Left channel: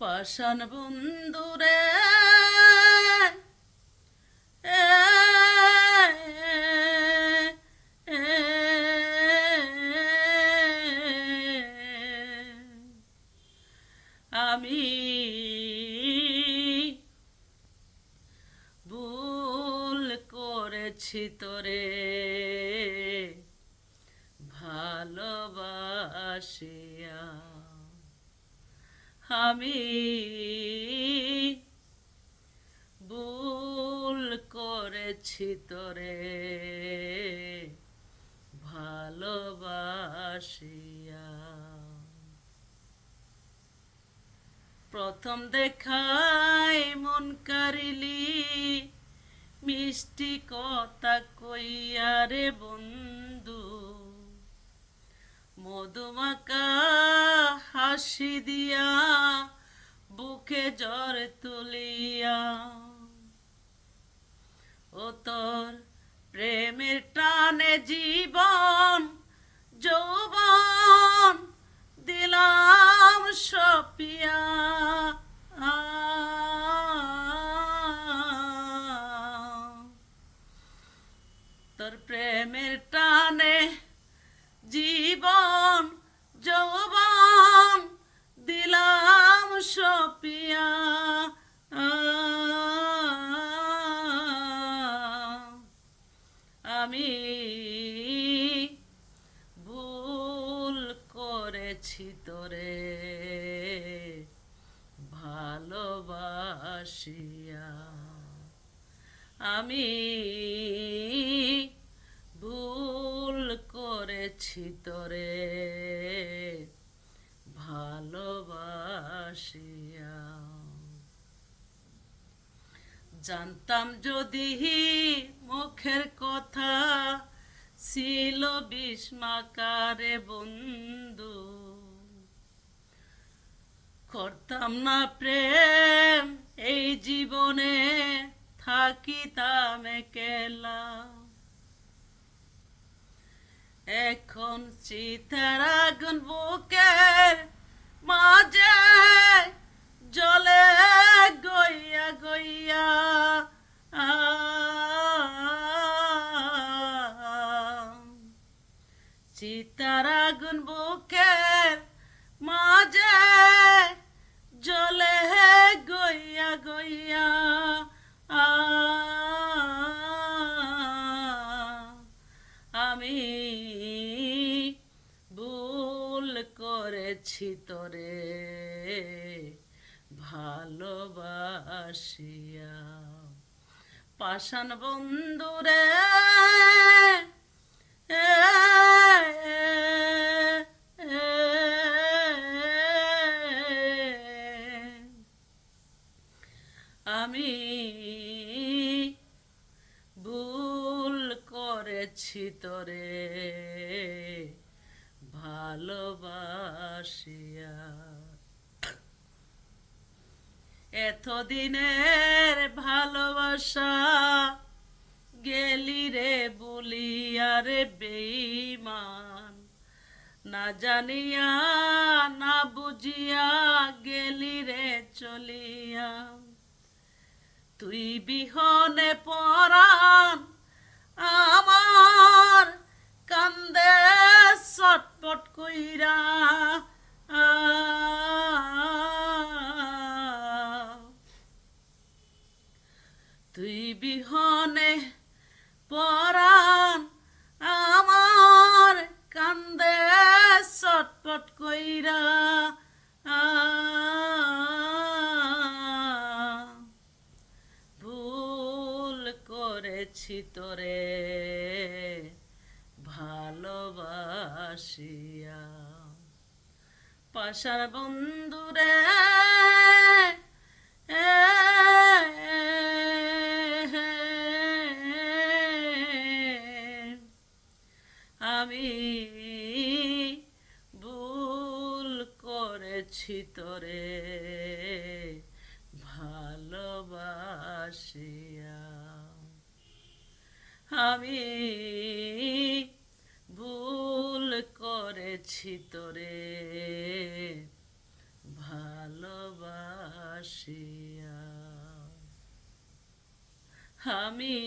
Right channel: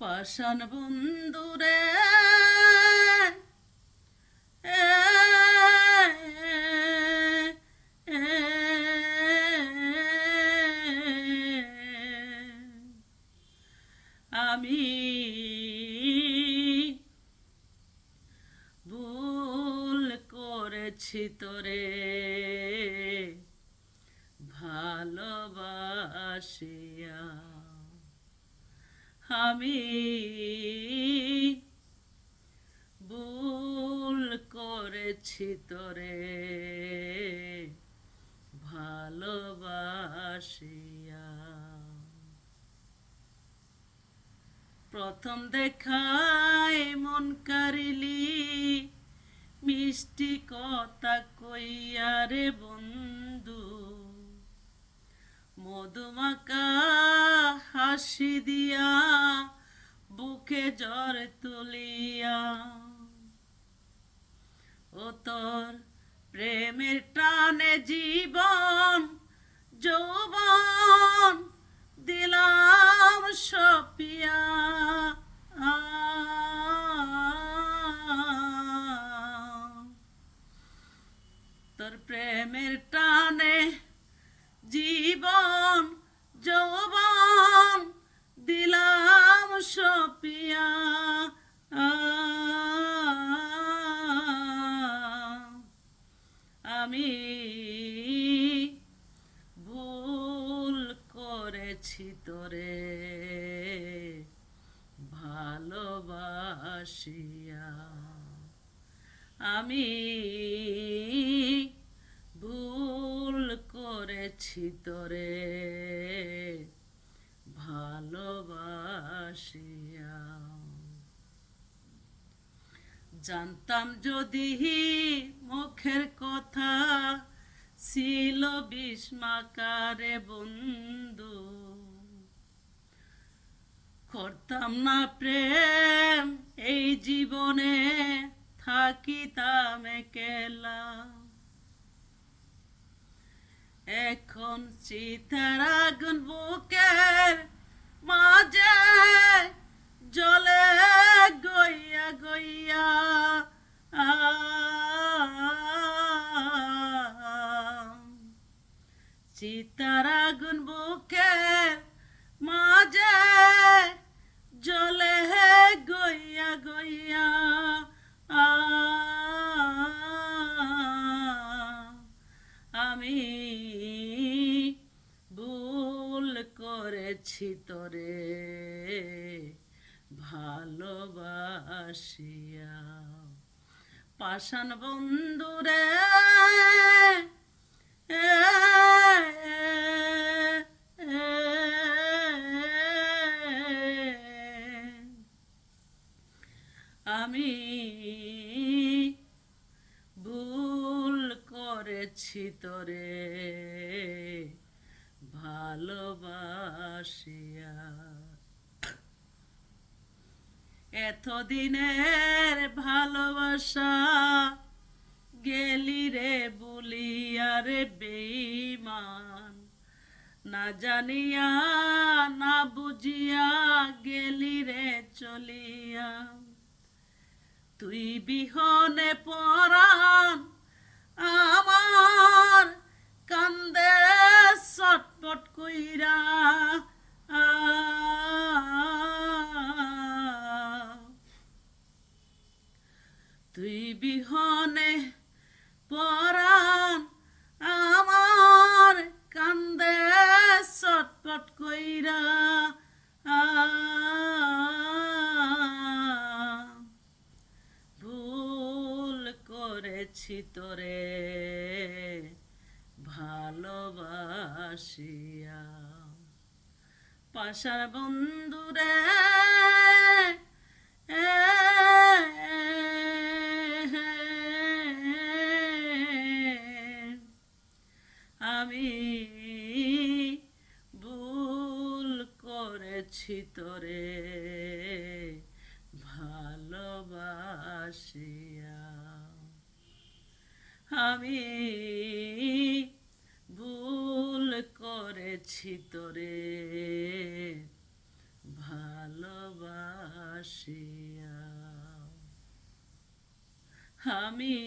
পাষাণ বন্ধুরে আমি ভুল করেছি তোরে ভালোবাসিয়া আমি ভুল করেছি তোরে, ভালোবাসিয়া। প্রথম দেখাই মন কারিলি, মিষ্টি কথা কইয়া রে বন্ধু মধুমাকা হাসি দিয়া বুকে জ্বর তুলিয়া। ও তোর প্রেমের টানে জীবন যৌবন দিলাম সপিয়া। সপিয়া। আমি ভুল করেছি তোরে ভালোবাসিয়া। আমি ভুল করেছি তোরে ভালোবাসিয়া জানতাম যদি মুখের কথা ছিল বিস্মাকারে বন্ধু। করতাম না প্রেম, এই জীবনে থাকিতাম কেলা এখন চিতার আগুন বুকের মাঝে জলে করেছি তোরে ভালোবাসিয়া পাষাণ বন্ধুরে আমি ভুল করেছি তোরে ভালোবাসিয়া। এতদিনের ভালোবাসা গেলি রে বলিয়া রে বেইমান না জানিয়া, না বুঝিয়া গেলি রে চলিয়া। তুই বিহনে পরাণ আমার কান্দে চটপট কইরা। তুই বিহনে পরাণ আমার কান্দে চটপট কইরা। ভুল করেছি তোরে। ভালোবাসিয়া। পাশার বন্ধুরে আমি ভুল করেছি তোরে। ভালোবাসিয়া। আমি ভুল করেছি তোরে। ভালোবাসিয়া আমি